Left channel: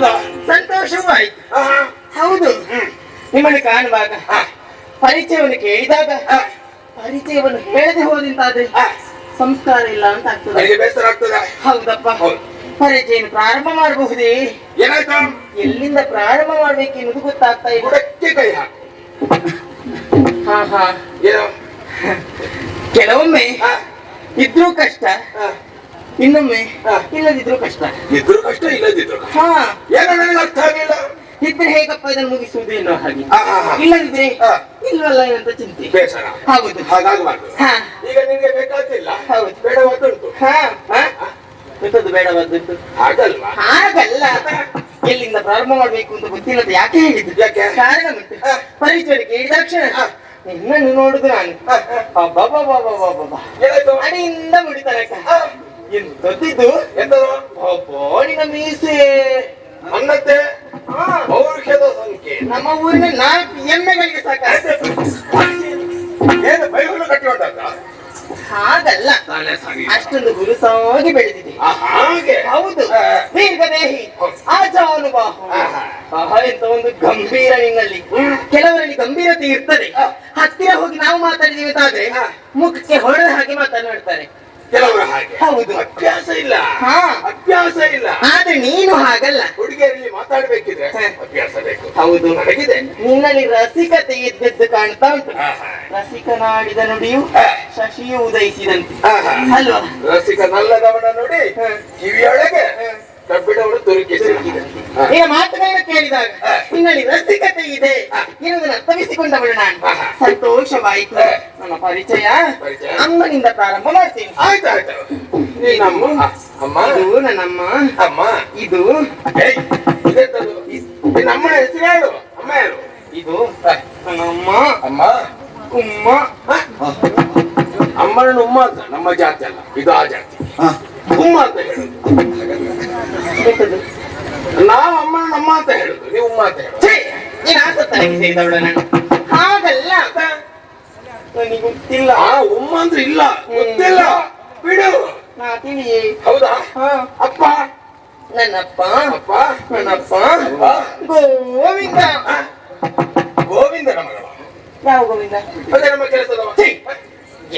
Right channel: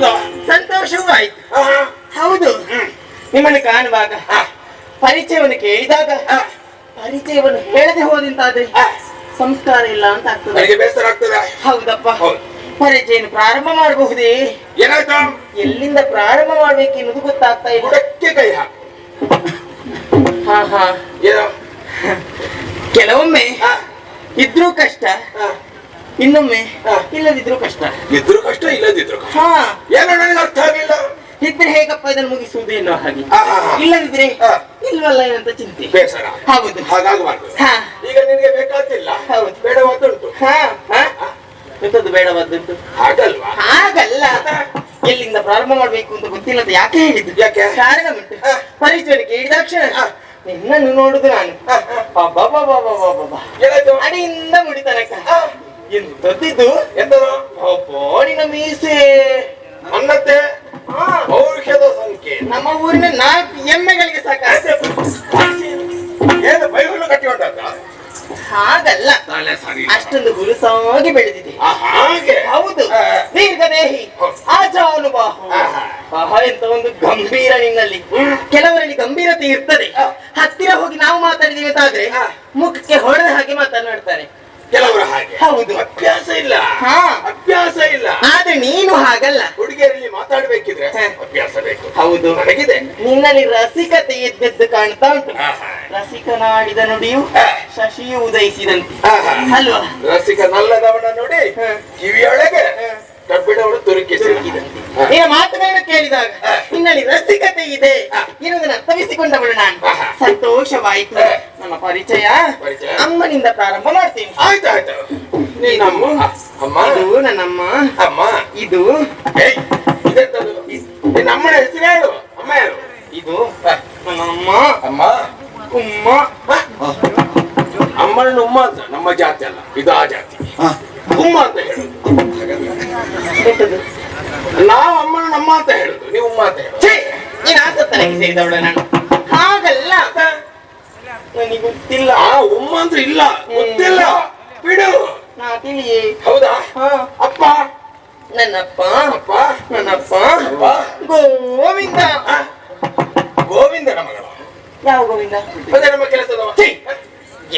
ಹೌದಾ? ಸಂತೋಷವೂ ಆಯ್ತು. ಹೌದು, ನಿಮ್ಮನ್ನು ಕಾಣುವಾಗ ಪರಿಚಯವನ್ನು ಕೇಳಿದಾಗ ಪರಿಚಯವನ್ನು ಹೇಳದೆ ಹೋದಂತಾದ್ರೆ ಸಂಸ್ಕಾರ ಇಲ್ಲ ಅಂತ ಆಗ್ತದೆ. ಬೇಸರ ಆಗ್ತದೆ. ಹೌದಪ್ಪ, ಪರಿಚಯ ಪ್ರಾರಂಭ ಮಾಡಬಹುದೇ? ಏನಾಯ್ತು? ಎಲ್ಲಿಂದ ಪ್ರಾರಂಭ ಮಾಡ್ಬೇಕು ಎನ್ನುವುದು ಗೊತ್ತಾಗ್ತಾ ಇಲ್ಲ. ಬುಡಕ್ಕೆ ಕೈ ಹಾಕು. ಏನೋ ಕೆಲವೊಮ್ಮೆ ಇದ್ರೂ ಕಷ್ಟ, ಇನ್ನೊಮ್ಮೆ ಇಲ್ಲದಿದ್ರು ಕಷ್ಟ. ಇದ್ರು ಕಷ್ಟ, ಇಲ್ಲದಿದ್ರು ಏನೋ ನನಗೆ ಅರ್ಥ ಆಗಿಲ್ಲ. ಇದ್ರೆ ಹೇಗಪ್ಪ ಇದನ್ನು ಮುಗಿಸುವುದು ಎನ್ನುವ ಹಾಗೆ, ಇಲ್ಲದಿದ್ರೆ ಇಲ್ವಲ್ಲ ಅಂತ ಚಿಂತೆ, ಬೇಸರ. ಹೌದು, ಹಾಗಾಗಬಾರ್ದು. ಈಗ ನಿನಗೆ ಬೇಕಾಗ್ತಿಲ್ಲ, ಹೌದು, ಬೇಡವಾದುಂಟು. ಎಂತದ್ದು ಬೇಡವಾದುಂಟು? ಹಾಗಲ್ವಾ? ಹಾಗಲ್ಲ, ಎಲ್ಲಿಂದ ಪ್ರಾರಂಭ ಮಾಡ್ಬೇಕು ಅಂತ ಗೊತ್ತಿಲ್ಲ. ಯಾಕೆ ಹೇಳಿದ್ದು? ಯಾಕೆ? ಕಾರಣ ಉಂಟು. ಪರಿಚಯ ಕೇಳಿದಾಕ್ಷಣ ನಿನ್ನನ್ನು ನೋಡುದು ನಾನು ಅಡಿಯಿಂದ ಮುಡಿ ತನಕ ಎಂತದ್ದು ನಿನ್ನ ಮೀಸೆ ಅನ್ನತ್ತೆ ಪೌರುಷದ ಸಂಖ್ಯೆ. ನಮ್ಮ ಊರಿನ 4 ಎಮ್ಮೆಗಳಿಗೆ ಸಾಕ. ಏನು ಬೈಹುಲ್ಲು ಕಟ್ಟಿ ಹೊಂಟಾಗ? ಹಾಗಲ್ಲ, ಅಷ್ಟೊಂದು ಗುರುಸಾಗಿ ಬೆಳೆದಿದೆ. ಹೌದು, ದೀರ್ಘದೇಹಿ, ಆಜಾನುಬಾಹು, ಎಂತ ಒಂದು ಗಂಭೀರ ನಿನ್ನಲ್ಲಿ. ಕೆಲವರಲ್ಲಿ ಗಂಭೀರತೆ ಇರ್ತದೆ, ಹತ್ತಿರ ಹೋಗಿ ನಾವು ಮಾತಾಡಿದೀವಿ ಅಂತಾದ್ರೆ ಮುಖಕ್ಕೆ ಹೊಡೆದ ಹಾಗೆ ಮಾತನಾಡ್ತಾರೆ ಕೆಲವರು. ಹಾಗೆ ಹೌದು, ಅಭ್ಯಾಸ ಇಲ್ಲ. ಅಭ್ಯಾಸ ಇಲ್ಲ. ಆದ್ರೆ ನೀನು ಹಾಗಲ್ಲ. ಹುಡುಗಿಯರಲ್ಲಿ ಮಾತಾಡ್ಬೇಕಿದ್ರೆ ಅಭ್ಯಾಸ ಬೇಕು. ಹೌದು, ನನಗಿದೆ. ನಿನ್ನಲ್ಲಿ ರಸಿಕತೆ ಎದ್ದೆದ್ದು ಕಾಣ್ತಾ ಉಂಟು. ರಸಿಕನಾಡಿದ ನುಡಿಯು ಶಶಿಯು ಉದಯಿಸಿದಂತೆ ಅಲ್ವಾ? ರಸಿಕನಲ್ಲದವನ ನೋಡಿ ಕಿವಿಯೊಳಗೆ ಕಬ್ಬಿಣವಳು ಈಗ ಮಾತುಗಳನ್ನು ಕೇಳಿದಾಗ ನಿನ್ನಲ್ಲಿ ರಸಿಕತೆ ಇದೆ ಎನ್ನುವುದನ್ನು ಅರ್ಥವಿಸಿಕೊಂಡವಳು ನಾನು. ಸಂತೋಷವಾಯಿತು. ನಮ್ಮ ಪರಿಚಯ ಅಮ್ಮನಿಂದ ಪ್ರಾರಂಭ ಮಾಡ್ತೀನಿ. ಆಯ್ತಾಯ್ತು. ಇದು ನನ್ನಮ್ಮ. ಅಮ್ಮ ಇದು ನಮ್ಮನ ಹೆಸರು ಹೇಳು. ಅಮ್ಮ ಯಾರು? ಇದು ನನ್ನಮ್ಮ. ಅಮ್ಮ ಉಮ್ಮ. ಅಮ್ಮನ ಉಮ್ಮ ಅಂತ ನಮ್ಮ ಜಾತಿ ಅಲ್ಲ, ಇದು ಆ ಜಾತಿ. ಉಮ್ಮ ಅಂತ ಹೇಳುದು. ನಾವು ಅಮ್ಮನ ನಮ್ಮ ಅಂತ ಹೇಳುದು, ನೀವು ಉಮ್ಮ ಅಂತ ಹೇಳುದು. ಸೇರಿದವಳ ನಾನು. ಹಾಗಲ್ಲ, ನನಗೆ ಗೊತ್ತಿಲ್ಲ. ಉಮ್ಮ ಅಂತ ಇಲ್ಲ, ಗೊತ್ತಿಲ್ಲ, ಬಿಡು. ನಾ ತಿಳಿಯೇ. ಹೌದಾ? ಅಪ್ಪ ನನ್ನಪ್ಪ. ಅಪ್ಪ ನನ್ನಪ್ಪ ಗೋವಿಂದ. ಗೋವಿಂದನ ಮಗಳ? ಯಾವ ಗೋವಿಂದ? ಅದೇ ನಮ್ಮ ಕೆಲಸದವ.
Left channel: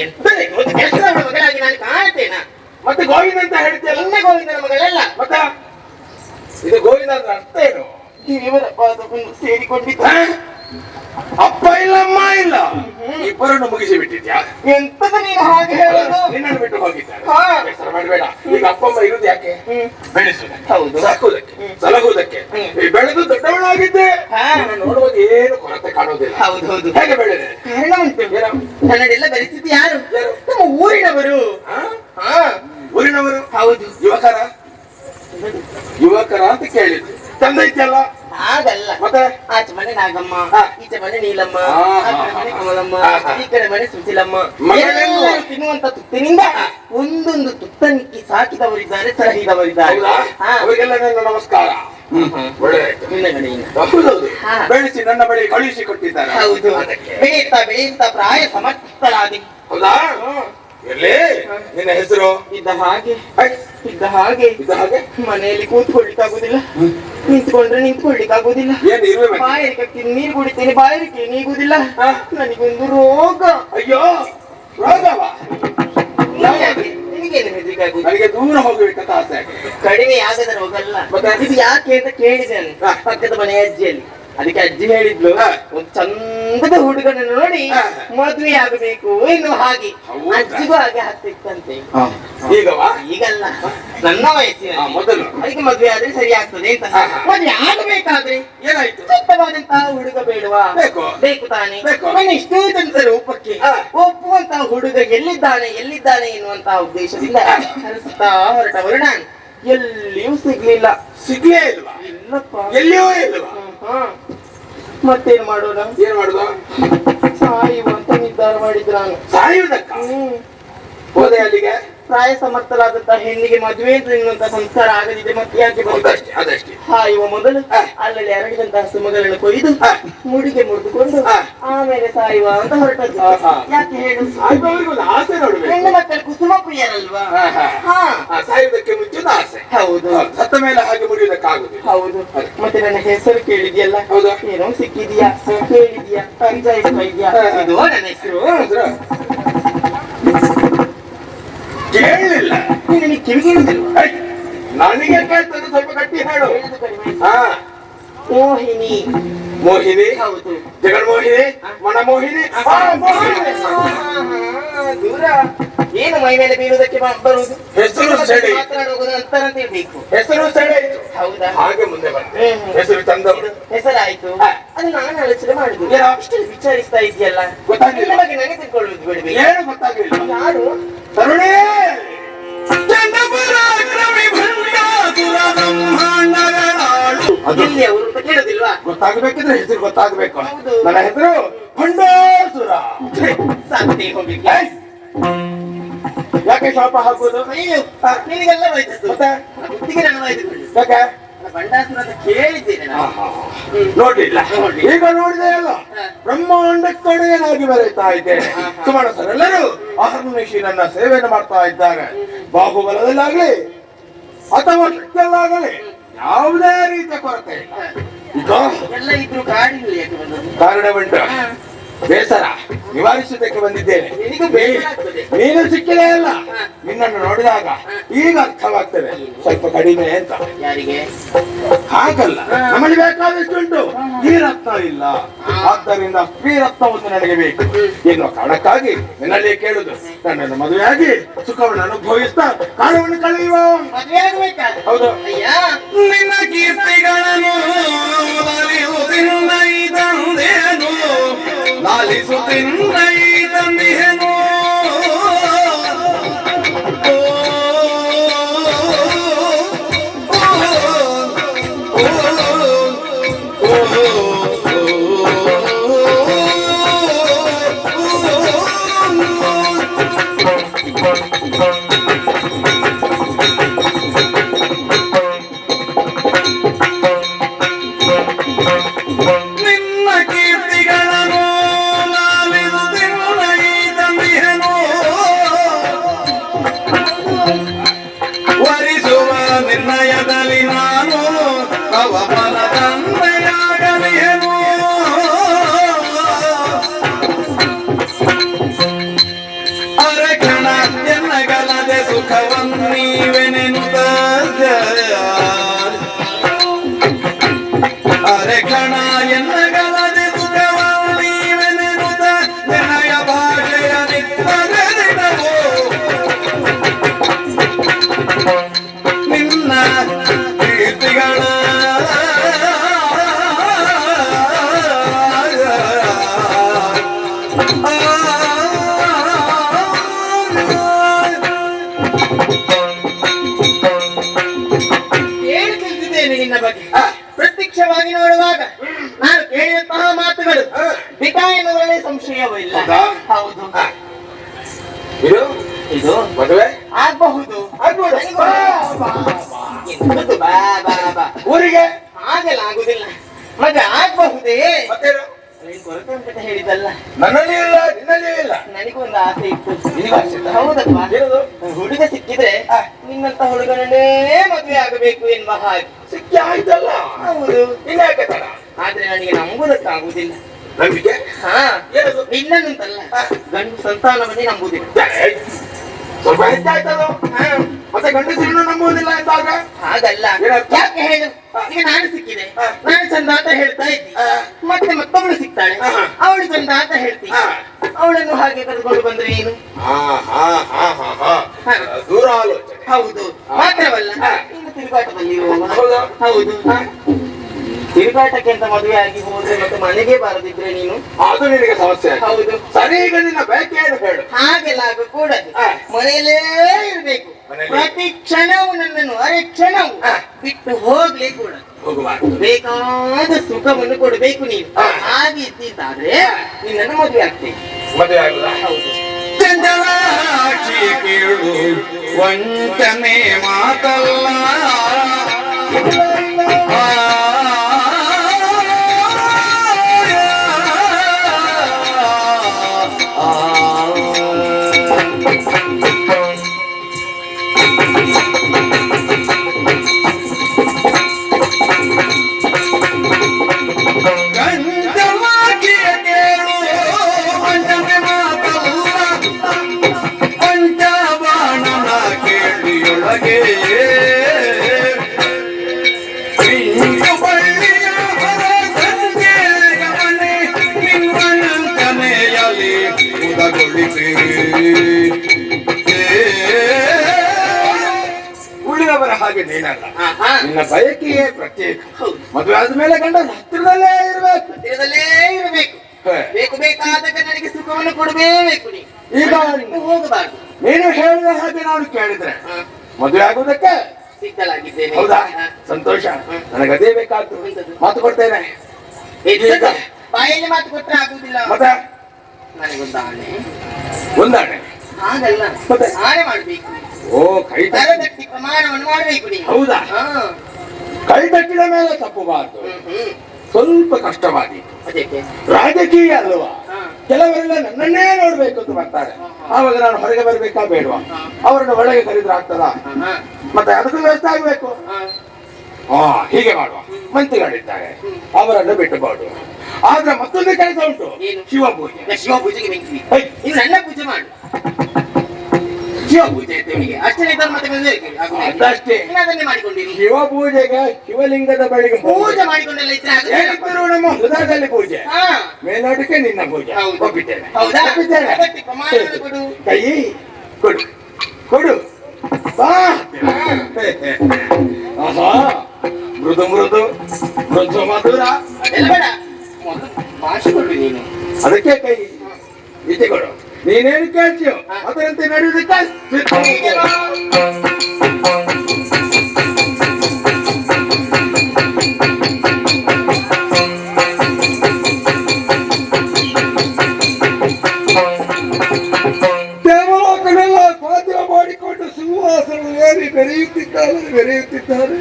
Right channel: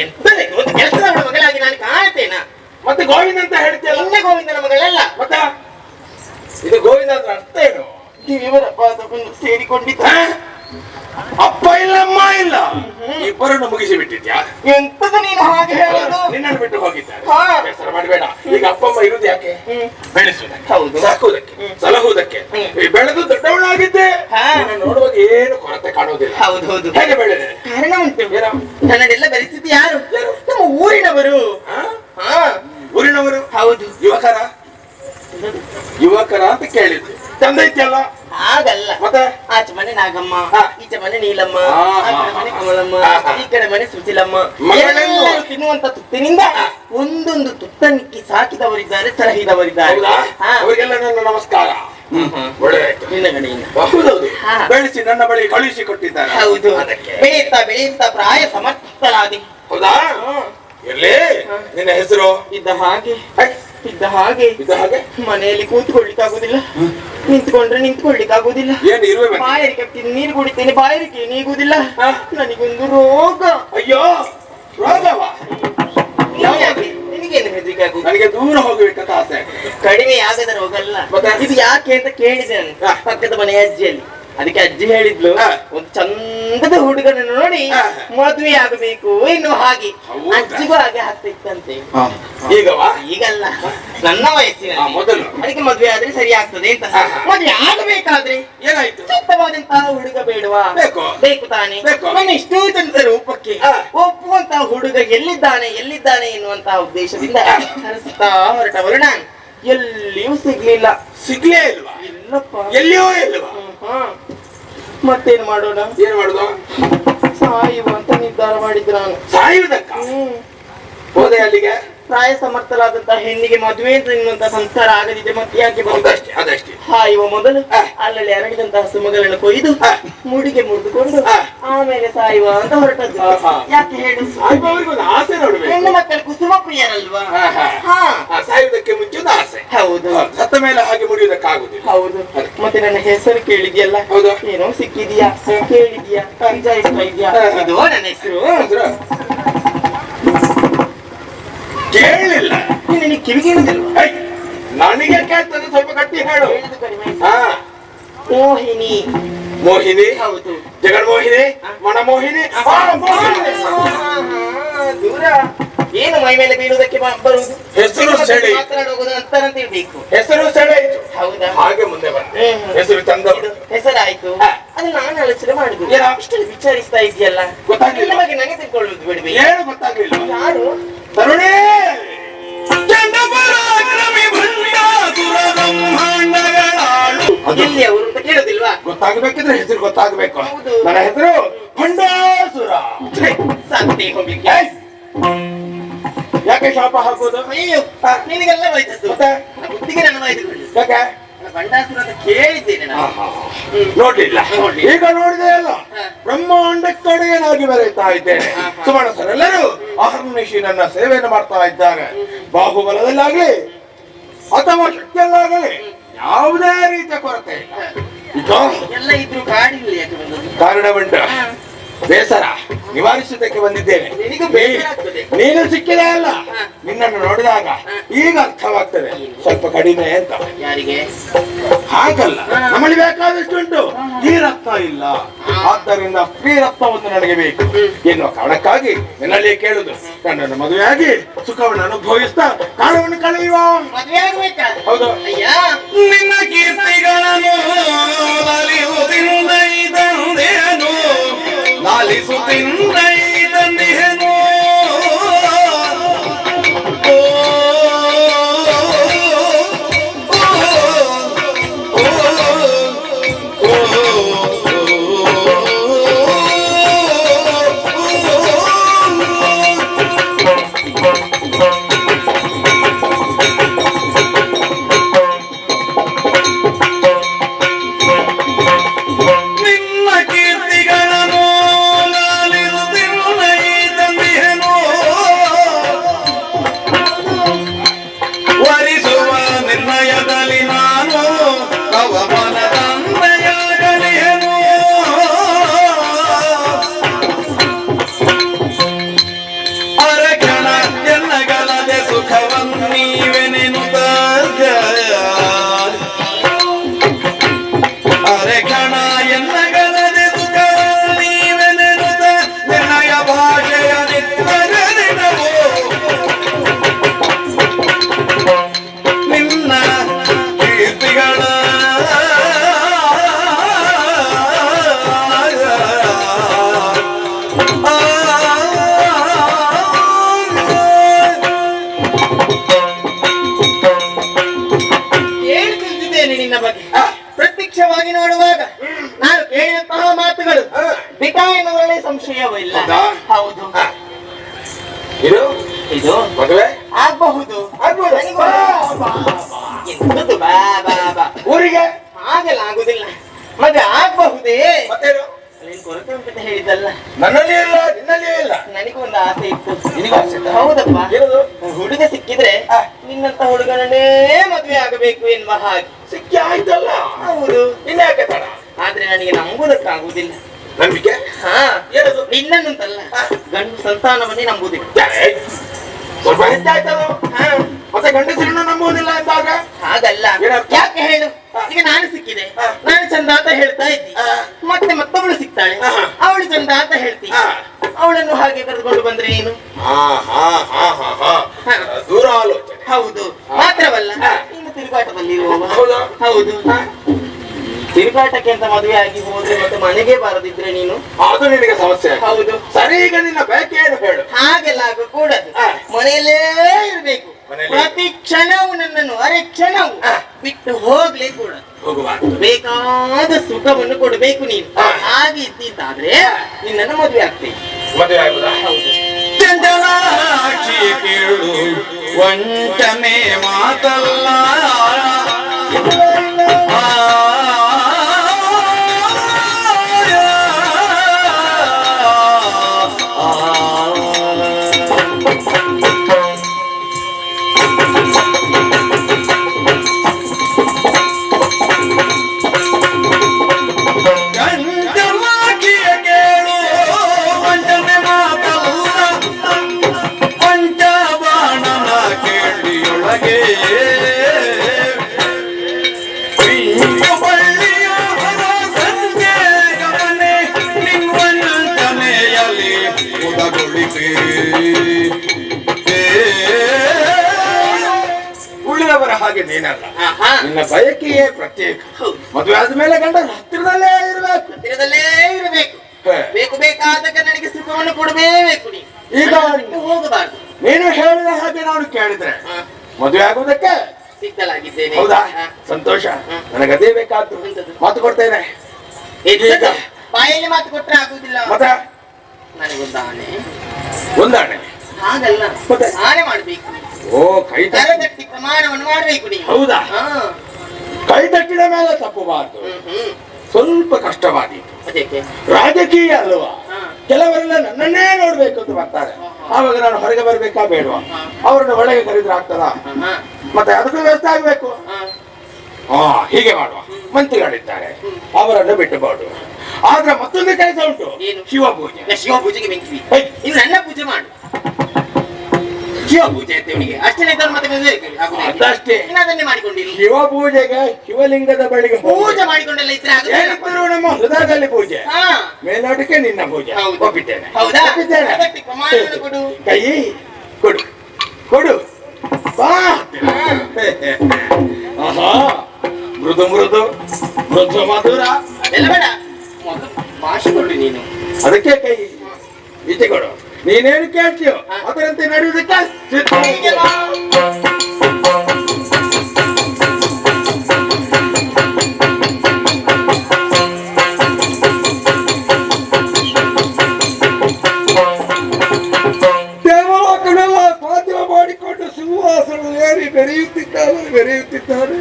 ಎಂತದೇ ಕೆಲಸದವಳ ಮಗಳಾಗಿ ನಾನು ಕಾಣ್ತೇನಾ? ಮತ್ತೆ ಗೋವಿಂದ ಅಂತ ಹೇಳ್ತೇವೆ. ಇನ್ನ ಗೋವಿಂದನ ಮಗಳಲ್ಲ. ಮತ್ತೆ ಇದು ಗೋವಿಂದ ಅಂದ್ರೆ ಅರ್ಥ ಏನು? ದೇವರ ಪಾದವನ್ನು ಸೇರಿಕೊಂಡಿದ್ದ. ಅಪ್ಪ ಇಲ್ಲ, ಅಮ್ಮ ಇಲ್ಲ, ಇಬ್ಬರನ್ನು ಮುಗಿಸಿ ಬಿಟ್ಟಿದ್ಯಾ? ಎಂತದ ನೀನು ಹಾಗೆ ಹೇಳೋದು? ನಿನ್ನನ್ನು ಬಿಟ್ಟು ಹೋಗಿದ್ದಾರೆ. ಬೇಸರ ಮಾಡಬೇಡ. ಈಗ ಅಪ್ಪ ಅಮ್ಮ ಇರುವುದು ಯಾಕೆ? ಬೆಳೆಸುವುದಕ್ಕೆ, ಹೌದು, ಸಾಕುವುದಕ್ಕೆ, ಸಲಹುವುದಕ್ಕೆ. ಬೆಳೆದು ದೊಡ್ಡವಳಾಗಿದ್ದೆ, ನೋಡುವಾಗ ಏನು ಕೊರತೆ ಕಾಣುವುದಿಲ್ಲ. ಹೌದು ಹೌದು. ಹೇಗೆ ಬೆಳೆದೆ? ಕಾರಣ ಉಂಟು. ನನ್ನದೆಲ್ಲ ಬೆಳೆಸಿದ್ದು ಯಾರು? ನಮ್ಮ ಊರಿನವರು. ಊರಿನವರು? ಹೌದು. ಯುವಕರ ಅಂತ ಕೇಳಿದ್ದು. ತಂದೆ ಇದ್ದಲ್ಲ? ಹಾಗಲ್ಲ. ಮತ್ತೆ ಆಚೆ ಮನೆ ನಾಗಮ್ಮ, ಈಚೆ ಮನೆ ನೀಲಮ್ಮ, ಮನೆ ಕಮಲಮ್ಮ, ಈ ಕಡೆ ಮನೆ ಸುಶೀಲಮ್ಮ. ಎಲ್ಲರೂ ತಿನ್ನುವಂತ ತುತ್ತಿನಿಂದ ಒಂದೊಂದು ತುತ್ತನಿಕ್ಕಿ ಸಾಕಿದವರಿದ್ದಾರೆ, ಸಲಹಿದವರಿದ್ದಾರೆ. ಅವರಿಗೆಲ್ಲ ನನ್ನ ನಮಸ್ಕಾರ. ಒಳ್ಳೆದಾಯ್ತು. ನಿನ್ನ ಕಡೆಯಿಂದ ಹೌದೌದು, ಬೆಳೆಸಿ ನನ್ನ ಬಳಿ ಕಳುಹಿಸಿ ಕೊಟ್ಟಿದ್ದಾರೆ. ಹೌದು, ಬೆಳೆಯುತ್ತಾ ಬೆಳೆಯುತ್ತಾ ಪ್ರಾಯ ಸಮರ್ಥರಾದಿ. ಹೌದಾ? ಎಲ್ಲಿ ನಿನ್ನ ಹೆಸರು? ಇದ್ದ ಹಾಗೆ ಇದ್ದ ಹಾಗೆ ಇದ್ದ ಹಾಗೆ. ಮನೆಯಲ್ಲಿ ಕೂತ್ಕೊಳ್ಳಿಕ್ಕಾಗುದಿಲ್ಲ, ನಿಂತ್ಕೊಂಡ್ರೆ ನಿಂತ್ಕೊಳ್ಳಿಕ್ಕಾಗುದಿಲ್ಲ. ಏನು ಇರುವೆ? ಬಾಯಾರಿಕೆ ನೀರು ಕುಡಿತೇನೆ, ಬಾಯಾರಿಕೆ ನೀಗುದಿಲ್ಲ. ನನಗೊಂದು ರೋಗ. ಅಯ್ಯೋ, ರೋಗವ? ನಿನಗೇನು ಹೆದರಿಕೆ ಆಗುದು? ನನಗೆ ದೂರ ಹೋಗ್ಬೇಕಂತ ಆಸೆ ಆಗಿದೆ. ಕಡಿಮೆ ಆಗದ ರೋಗ ಅಲ್ಲ. ಇದು ಯಾಕೆ ಅಂತ ಕೇಳಿದೆ ನಾನು ಪಕ್ಕದ ಮನೆ ಅಜ್ಜಿಯಲ್ಲಿ. ಅದಕ್ಕೆ ಅಜ್ಜಿ ಹೇಳಿದ್ಲು, ಒಂದು ಚಂದದ ಹುಡುಗನನ್ನು ನೋಡಿ ಮದುವೆ ಆಗಬೇಕು ಎನ್ನುವ ಹಾಗೆ. ಅಜ್ಜಿಗೂ ಹಾಗೆ ಆಗ್ತಿತ್ತಂತೆ. ಈಗಲ್ಲ, ನನ್ನ ವಯಸ್ಸಿನ ಮೊದಲು. ಅದಕ್ಕೆ ಮದುವೆ ಆದ್ರೆ ಸರಿ ಆಗ್ತದೆ ಅಂತ. ಮದುವೆ ಆಗಬೇಕಾದ್ರೆ ಏನಾಯ್ತು? ಸೂಕ್ತವಾದಂತಹ ಹುಡುಗ ಬೇಡವಾ? ಬೇಕು ತಾನೆ. ನನ್ನ ಇಷ್ಟೂ ಚಂದದ ರೂಪಕ್ಕೆ ಒಪ್ಪುವಂತಹ ಹುಡುಗ ಎಲ್ಲಿದ್ದಾನೆ ಎನ್ನುವಂತಹ ಉದ್ದೇಶದಿಂದ ಹರಿಸುತ್ತಾ ಹೊರಟವರು ನಾನು. ಎಲ್ಲಿಯೂ ಸಿಗ್ಲಿಲ್ಲ. ಸಿಗ್ಲೇ ಇಲ್ವಾ? ಇಲ್ಲಪ್ಪ, ಎಲ್ಲಿಯೂ ಇಲ್ವಾ? ಮತ್ತೇನು ಮಾಡೋಣ? ಏನ್ ಮಾಡುದು? ಸಾಯುವ ಅಂತ ನಿರ್ಧಾರ ಮಾಡಿದ್ರು ನಾನು. ಸಾಯುವುದಕ್ಕ? ಹೋದೆ ಅಲ್ಲಿಗೆ? ಪ್ರಾಯ ಸಮರ್ಥರಾದಂತಹ ಹೆಣ್ಣಿಗೆ ಮದುವೆ ಅಂತ ಎನ್ನುವಂತ ಸಂಸ್ಕಾರ ಆಗದಿದೆ, ಮತ್ತೆ ಯಾಕೆ ಅದಷ್ಟೇ. ಸಾಯುವ ಮೊದಲು ಅಲ್ಲಲ್ಲಿ ಅರಳಿದಂತಹ ಸುಮಗಳನ್ನು ಕೊಯ್ದು ಮುಡಿಗೆ ಮುಡಿದುಕೊಂಡು ಆಮೇಲೆ ಸಾಯುವ ಅಂತ ಹೊರಟದ್ದು. ಯಾಕೆ ಹೇಳು? ಸಾಯುವವರಿಗೊಂದು ಆಸೆ ನೋಡ್ಬೇಕು. ಹೆಣ್ಣು ಮಕ್ಕಳು ಕುಸುಮ ಪ್ರಿಯರಲ್ವಾ? ಸಾಯುವುದಕ್ಕೆ ಮುಂಚೆ ಆಸೆ. ಹೌದು. ಸತ್ತ ಮೇಲೆ ಹಾಗೆ ಮುರಿಯುವುದಕ್ಕಾಗುದಿಲ್ಲ. ಹೌದು. ಮತ್ತೆ ನನ್ನ ಹೆಸರು ಕೇಳಿದ್ಯಲ್ಲ? ಹೌದಾ? ಏನೋ ಸಿಕ್ಕಿದ್ಯಾ, ಕೇಳಿದ್ಯಾ, ಅಂಜಾಯಿಸ್ತಾ ಇದ್ಯಾ? ಇದು ನನ್ನ ಹೆಸರು. ಕೇಳಿಲ್ಲ. ನಿನಗೆ ಕಿವಿಗೇಳಿದಿಲ್ವಾ? ನನಗೆ ಕೇಳ್ತದೆ, ಸ್ವಲ್ಪ ಗಟ್ಟಿ ಹೇಳು. ಹಾ, ಮೋಹಿನಿ. ಮೋಹಿನಿ? ಹೌದು. ಜಗನ್ಮೋಹಿನಿ, ಮನಮೋಹಿನಿ. ದೂರ ಏನು ಮೈ ಮೇಲೆ ಬೀಳುವುದಕ್ಕೆ ಬರುವುದು? ಹೆಸರು ಸೆಳೆ ಮಾತನಾಡುವುದು ಅಂತರಂತ ಇರ್ಬೇಕು. ಹೆಸರು ಸೆಳೆಯಿತು. ಹೌದಾ? ಹಾಗೆ ಮುಂದೆ ಬಂದೆ. ಹೆಸರು ತಂದವರು. ಹೆಸರಾಯ್ತು. ಅದು ನಾನು ಆಲೋಚನೆ ಮಾಡುದು. ಇಷ್ಟು ವಿಚಾರಿಸ್ತಾ ಇದೆಯಲ್ಲ, ಗೊತ್ತಾಗಿಲ್ಲ. ನಿನ್ನ ಬಗ್ಗೆ ನನಗೆ ತಿಳ್ಕೊಳ್ಳುವುದು ಬಿಡ್ಬೇಕು. ಏನು ಗೊತ್ತಾಗಿಲ್ಲ. ಯಾರು? ತರುಣೇ ಇಲ್ಲಿ ಅವರು ಅಂತ ಕೇಳೋದಿಲ್ವಾ? ಗೊತ್ತಾಗಬೇಕಿದ್ರೆ ಹೆಸರು ಗೊತ್ತಾಗಬೇಕು. ಹೌದು. ನನ್ನ ಹೆಸರು ಭಂಡಾಸುರ. ಸಾಧ್ಯ ಹೋಗ್ಲಿಕ್ಕೆ. ಯಾಕೆ ಶಾಪ ಹಾಕುವುದು? ಅಯ್ಯೋ, ನಿನಗೆಲ್ಲ ವಯಸ್ಸು. ಮತ್ತೆ ಬುದ್ಧಿಗೆ ನನ್ನ ವಯಸ್ಸು. ಯಾಕೆ ಬಂಡಾಸುರ ಅಂತ ಕೇಳಿದ್ದೇನೆ ನಾನು. ನೋಡ್ಲಿಲ್ಲ. ಈಗ ನೋಡಿದೆ ಅಲ್ಲ, ಬ್ರಹ್ಮಾಂಡಕ್ಕೊಡೆಯನಾಗಿ ಬೆರೆಯುತ್ತಾ ಇದ್ದೇನೆ. ಸುಮನಸರೆಲ್ಲರೂ ಅಹರ್ನಿಶಿರನ್ನ ಸೇವೆಯನ್ನು ಮಾಡ್ತಾ ಇದ್ದಾರೆ. ಬಾಹುಬಲದಲ್ಲಾಗಲಿ ಅಥವಾ ಶಕ್ತಿಯಲ್ಲಾಗಲಿ ಯಾವುದೇ ರೀತಿಯ ಕೊರತೆ ಇಲ್ಲ. ಈಗ ಎಲ್ಲ ಇದ್ರು ಕಾಡಿಲ್ಲ ಯಾಕೆ ಬಂದದ್ದು? ಕಾರಣವುಂಟು. ಬೇಸರ ನಿವಾರಿಸುವುದಕ್ಕೆ ಬಂದಿದ್ದೇನೆ. ನಿನಗೂ ಬೇಸರ ಆಗ್ತದೆ. ನೀನು ಸಿಕ್ಕಿದೆ ಅಲ್ಲ, ನಿನ್ನನ್ನು ನೋಡಿದಾಗ ಈಗ ಅರ್ಥವಾಗ್ತದೆ ಸ್ವಲ್ಪ ಕಡಿಮೆ ಅಂತ. ಯಾರಿಗೆ? ಹಾಗಲ್ಲ, ನಮ್ಮಲ್ಲಿ ಬೇಕಾದಷ್ಟುಂಟು, ಈ ರತ್ನ ಇಲ್ಲ, ಆದ್ದರಿಂದ ಸ್ತ್ರೀ ರತ್ನವನ್ನು ನನಗೆ ಬೇಕು ಎನ್ನುವ ಕಾರಣಕ್ಕಾಗಿ ನಿನ್ನಲ್ಲಿ ಕೇಳುದು. ನನ್ನನ್ನು ಮದುವೆಯಾಗಿ ಸುಖವನ್ನು ಅನುಭವಿಸ್ತಾ ಕಾಲವನ್ನು ಕಳೆಯುವ. ಮದುವೆ ಆಗ್ಬೇಕಾ? ಹೌದು. ಅಯ್ಯ, ನಿನ್ನ ಕೀರ್ತಿಗಳನ್ನು ಲಾಲಿಸುತ್ತಿಂದೇನು ನಿನ್ನ ಬಗ್ಗೆ ಪ್ರತ್ಯಕ್ಷವಾಗಿ ನೋಡುವಾಗ ನಾನು ಕೇಳಿದಂತಹ ಮಾತುಗಳು ದಿಟ ಎನ್ನುವರಲ್ಲಿ ಸಂಶಯವಿಲ್ಲ. ಹೌದು. ಇದು ಮದುವೆ ಆಗಬಹುದು. ಊರಿಗೆ ಹಾಗೆಲ್ಲ ಆಗುದಿಲ್ಲ. ಮದುವೆ ಆಗಬಹುದೇ? ಕೊರತೆ ಉಂಟು ಹೇಳಿದ್ದಲ್ಲ. ನನ್ನಲ್ಲಿ ಇಲ್ಲ, ನಿನ್ನಲ್ಲಿಯೂ ಇಲ್ಲ. ನನಗೊಂದು ಆಸೆ ಇತ್ತು. ಹೌದಪ್ಪ, ಹುಡುಗ ಸಿಕ್ಕಿದ್ರೆ ನಿನ್ನಂತ ಹುಡುಗನನ್ನೇ ಮದುವೆ ಆಗಬೇಕು ಎನ್ನುವ ಹಾಗೆ. ಸಿಕ್ಕಿ ಆಯ್ತಲ್ಲ. ಹೌದು. ಇನ್ಯಾಕೆ ತಡ? ಆದ್ರೆ ನನಗೆ ನಂಬುದಕ್ಕಾಗುವುದಿಲ್ಲ. ನಂಬಿಕೆ? ನಿನ್ನಂತಲ್ಲ, ಗಂಡು ಸಂತಾನವನ್ನೇ ನಂಬುದಿಲ್ಲ. ಸ್ವಲ್ಪ ಹೆಚ್ಚಾಯ್ತಲ್ಲ. ಮತ್ತೆ ಗಂಡಸರನ್ನು ನಂಬುವುದಿಲ್ಲ ಎಂದಾಗ ಹಾಗಲ್ಲ. ಯಾಕೆ ಹೇಳು? ಈಗ ನಾನು ಸಿಕ್ಕಿದೆ, ನಾನು ಚಂದ ಅಂತ ಹೇಳ್ತಾ ಇದ್ದಿ, ಮತ್ತೆ ಮತ್ತೊಬ್ಬಳು ಸಿಗ್ತಾಳೆ, ಅವಳು ಚಂದ ಅಂತ ಹೇಳ್ತಿ. ಅವಳನ್ನು ಹಾಗೆ ಕರೆದುಕೊಂಡು ಬಂದ್ರೆ ಏನು? ದೂರ ಆಲೋಚನೆ. ಹೌದು. ಮಾತ್ರವಲ್ಲ, ಇನ್ನು ತಿರುಗಾಟದಲ್ಲಿ ಹೌದು. ತಿರುಗಾಟಕ್ಕೆ ಅಂತ ಮದುವೆ ಆಗಿ ಹೋದ್ರೆ ಮತ್ತೆ ಮನೆಗೆ ಬಾರದಿದ್ರೆ ನೀನು ಅದು ನಿನಗೆ ಸಮಸ್ಯೆ. ಹೌದು. ಸರಿ, ಈಗ ನಿನ್ನ ಬೇಕೇನು ಹೇಳು. ಹಾಗೆಲ್ಲ ಆಗಕೂಡದು. ಮನೆಯಲ್ಲೇ ಇರ್ಬೇಕು. ಪ್ರತಿ ಕ್ಷಣವು ನನ್ನನ್ನು ಅರೆ ಕ್ಷಣವು ಬಿಟ್ಟು ಹೋಗ್ಲೇ ಕೂಡ ಬೇಕಾದ ಸುಖವನ್ನು ಕೊಡಬೇಕು ನೀನು. ಹಾಗೆ ಇದ್ದಿದ್ದಾದ್ರೆ ನಿನ್ನನ್ನು ಮದುವೆ ಆಗ್ತೇನೆ. ಮದುವೆ ಆಗುದಾ? ಹೌದು. ಕೇಳು ವಂಚನೆ ಮಾತಲ್ಲ. ಹೊರಗೆ ಬಳ್ಳಿಯ ಸಂಜೆ ಗಮನೆ ನಿನ್ನಂತನೆಯಲ್ಲಿ ಉದಗೊಳಿಸಿ ಉಳಿದವರ ಹಾಗೆ ನೀನಲ್ಲ. ನಿನ್ನ ಬಯಕೆಯೇ ಪ್ರತ್ಯೇಕ. ಮದುವೆ ಆದ್ಮೇಲೆ ಗಂಡ ಹತ್ತಿರದಲ್ಲೇ ಇರಬೇಕು. ಬೇಕು ಬೇಕಾದಾಗ ನನಗೆ ಸುಖವನ್ನು ಕೊಡಬೇಕು. ಈಗ ಹೋಗಬಾರ್ದು. ನೀನು ಹೇಳಿದ ಹಾಗೆ ನಾನು ಕೇಳಿದ್ರೆ ಮದುವೆ ಆಗುವುದಕ್ಕೆ ಸಿದ್ಧಲಾಗಿದ್ದೇನೆ. ಹೌದಾ? ಸಂತೋಷ. ನನಗೆ ಅದೇ ಬೇಕಾದ್ದು. ಮಾತು ಕೊಡ್ತೇನೆ. ಬಾಯಲ್ಲಿ ಮಾತು ಕೊಟ್ಟರೆ ಆಗುದಿಲ್ಲ. ಮತ್ತೆ ನನಗೊಂದಾಣೆ. ಒಂದಾಣೆ ಹಾಗಲ್ಲ, ಮತ್ತೆ ಆಣೆ ಮಾಡ್ಬೇಕು. ಓ, ಕೈ ತರಗಟ್ಟಿ ಪ್ರಮಾಣವನ್ನು ಮಾಡ್ಬೇಕು ನೀವು. ಹೌದಾ? ಕೈ ತಟ್ಟಿದ ಮೇಲೆ ತಪ್ಪಬಾರ್ದು. ಸ್ವಲ್ಪ ಕಷ್ಟವಾದೀತು. ಅದಕ್ಕೆ ರಾಜಕೀಯ ಅಲ್ವಾ? ಕೆಲವರೆಲ್ಲ ನನ್ನನ್ನೇ ನೋಡ್ಬೇಕು ಅಂತ ಬರ್ತಾರೆ. ಆವಾಗ ನಾನು ಹೊರಗೆ ಬರ್ಬೇಕಾ ಬೇಡವಾ? ಅವರನ್ನು ಒಳಗೆ ಕರೆದ್ರೆ ಆಗ್ತದ? ಮತ್ತೆ ಅದಕ್ಕೂ ವ್ಯವಸ್ಥೆ ಆಗ್ಬೇಕು. ಹೀಗೆ ಮಾಡುವ. ಮಂತ್ರಿಗಳಿದ್ದಾರೆ, ಅವರನ್ನು ಬಿಟ್ಟುಬಾರ್ದು. ಆದ್ರೆ ಮತ್ತೊಂದು ಕೆಲಸ ಉಂಟು, ಶಿವಪೂಜೆ. ಶಿವಪೂಜೆಗೆ ಬೆಂಕಿ. ಇನ್ನು ನನ್ನ ಪೂಜೆ ಮಾಡು. ಶಿವಪೂಜೆ ನಿಮಗೆ ಅಷ್ಟೇ ಅದಷ್ಟೇ ಮಾಡಿಕೊಂಡಿರಿ. ಶಿವಪೂಜೆಗೆ ಶಿವಲಿಂಗದ ಬಳಿಗೆ ಪೂಜೆ ಮಾಡಿಕೊಂಡೆಲ್ಲ ಇದ್ರೆ ನಮ್ಮ ಹೃದಯದಲ್ಲಿ ಪೂಜೆ, ಮೇಲ್ನೋಟಕ್ಕೆ ನಿನ್ನ ಪೂಜೆ. ಒಪ್ಪಿದ್ದೇನೆ. ಕೊಡು. ಕೈ ಕೊಡು, ಕೊಡು. ಆಹಾ, ಮೃದು ಮೃದು ಮೃದು ಮಧುರ. ಅದೆಲ್ಲ ಬೇಡ, ಮಾಸಿಕೊಳ್ಳಿ ನೀನು. ಅದಕ್ಕೆ ಕೈ ಈಚೆ ಕೊಡು. ನೀನೇನು ಕೇಳ್ತೀಯೋ ಅದರಂತೆ ನಡೆಯುವುದಕ್ಕೆ ದೇವಲೋಕನೆಲ್ಲ ಪಾತ್ರ ಮಾಡಿಕೊಂಡು ಸಿಂಹಾಸನ ಏರಿ ಬೆರೆಯುತ್ತಿದ್ದಾರೆ.